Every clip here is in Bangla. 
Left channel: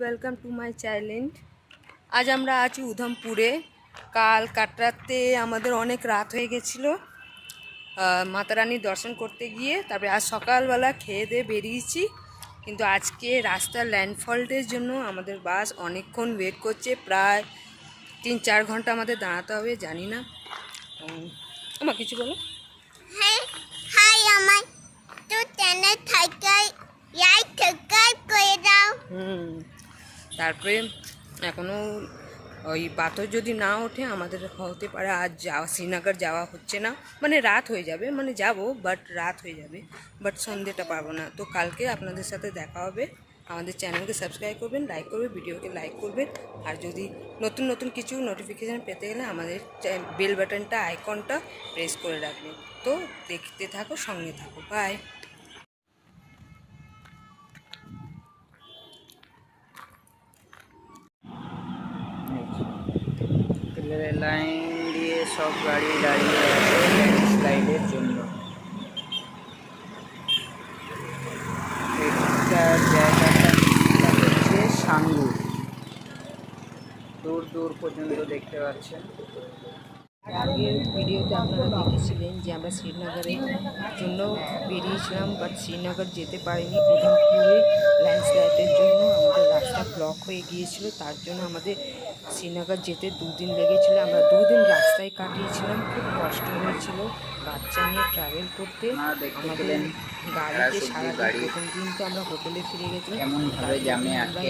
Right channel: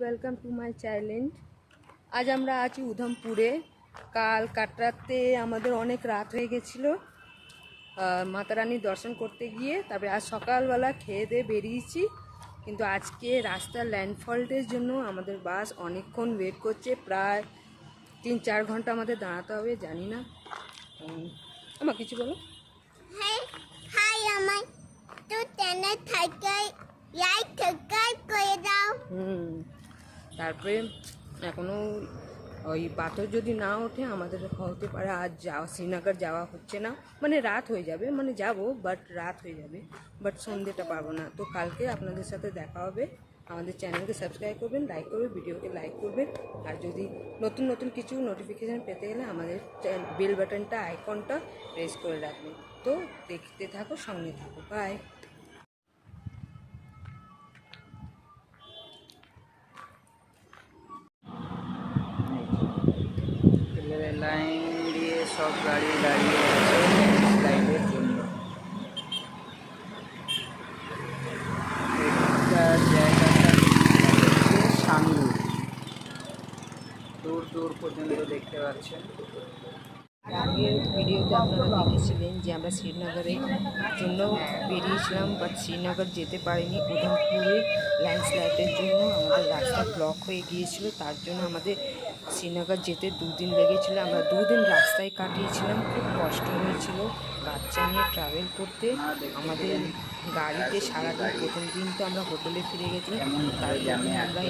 Welcome to my channel. আজ আমরা আছি উধমপুরে। কাল কাটরাতে আমাদের অনেক রাত হয়ে গেছিলো মাতা রানীর দর্শন করতে গিয়ে। তারপরে আজ সকালবেলা খেয়ে দিয়ে বেরিয়েছি, কিন্তু আজকে রাস্তার ল্যান্ডফল্টের জন্য আমাদের বাস অনেকক্ষণ ওয়েট করছে। প্রায় 3-4 ঘন্টা আমাদের দাঁড়াতে হবে। জানি না, আমার কিছু বলো। হাই, আমার তো চ্যানেল থাকায় সাবস্ক্রাইব করে দাও। তারপরে এখনও ওই পাথর যদি না ওঠে আমাদের হতে পারে আজ যাওয়া শ্রীনগর যাওয়া হচ্ছে না। মানে রাত হয়ে যাবে, মানে যাব বাট রাত হয়ে যাবে, বাট সন্ধ্যেটা পাবো না। তো কালকে আপনাদের সাথে দেখা হবে। আমাদের চ্যানেলকে সাবস্ক্রাইব করবেন, লাইক করবেন, ভিডিওকে লাইক করবেন। আর যদি নতুন নতুন কিছু নোটিফিকেশান পেতে গেলে আমাদের বেল বাটনটা আইকনটা প্রেস করে রাখবেন। তো দেখতে থাকো, সঙ্গে থাকো। বাই। লাইন দিয়ে সব গাড়ি দাঁড়িয়ে আছে ল্যান্ডস্লাইডের জন্য। এটার জায়গাটা হচ্ছে সাঙ্গু, দূর দূর পর্যন্ত দেখতে পাচ্ছেন। আগের ভিডিওতে আপনারা দেখেছিলেন যে আমরা শ্রীনগরের জন্য বেরিয়েছিলাম, বাট শ্রীনগর যেতে পারিনি। উধমপুরে ল্যান্ডস্লাইডের জন্য আমাদের রাস্তা ব্লক হয়ে গিয়েছিল, তার জন্য আমাদের শ্রীনগর যেতে 2 দিন লেগেছিলো। আমরা 2 দিন রাস্তায় কাটিয়েছিলাম, খুব কষ্ট হয়েছিল বাচ্চা নিয়ে ট্রাভেল করতে। আমাদের গাড়িতে সারাদিন, প্রথম দিন তো আমরা হোটেলে ফিরে গেছিলাম, তারপরে আমরা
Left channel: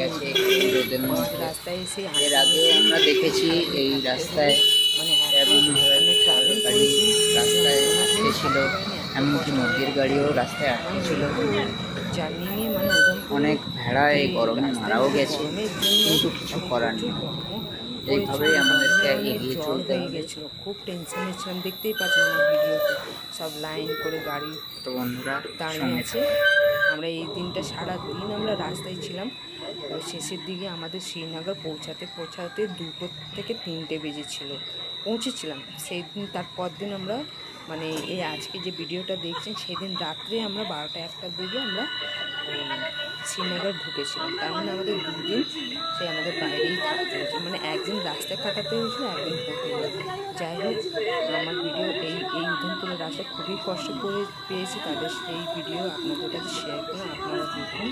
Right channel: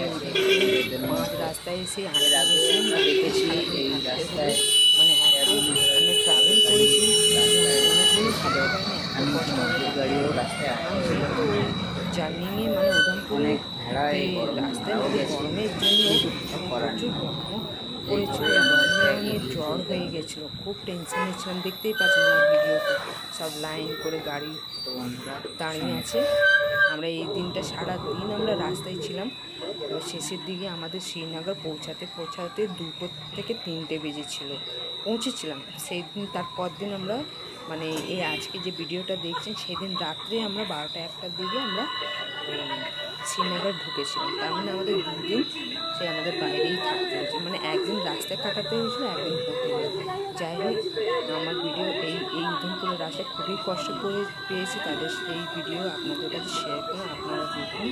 মাঝ রাস্তায় এসে আমরা দেখেছি এই রাস্তায় মানে এখানে ট্রাভেল করেছি, নদীর গাড়িও রাস্তায় আসছিল। জার্নিংয়ে মানে উধমপুর অনেক ভেড়া এই রাস্তায় গরমের জন্য কিছু করার নেই। জ্বর হয়ে গেছিলো, খুব টেনশনে ছিলাম। দেখতেই পাচ্ছেন আমার ভিডিওতে সব লাইন করে গাড়ি তো বন্ধুরা দাঁড়িয়ে আছে। আমরা এই দিনটা সারা দিন আমরা রাস্তায় ছিলাম। এবার শেষের দিকে আমাদের শ্রীনগর পৌঁছাতে 2 থেকে 3টে বেজেছিল, পৌঁছেছিলাম সেই দিন। তারপর দিন আমরা মানে এই আজকে যে ভিডিওটা দেখছেন সেদিন রাত্রে আমরা 12টা-1টার দিকে আমরা শ্রীনগর ঢুকেছিলাম। তার মানে আমাদের 2 দিন সে আমাদের বাইরেই থাকতে হয়েছে, মানে একদিন রাস্তায় কাটাতে হয়েছিল, একদিন হোটেলে। যাই হোক, আমার ভিডিও এই উধমপুরের রাস্তায় খুবই কষ্ট পেয়েছি, তাদের এই ভিডিও আপনাদের কাছে শেয়ার করে আপনারা দেখুন।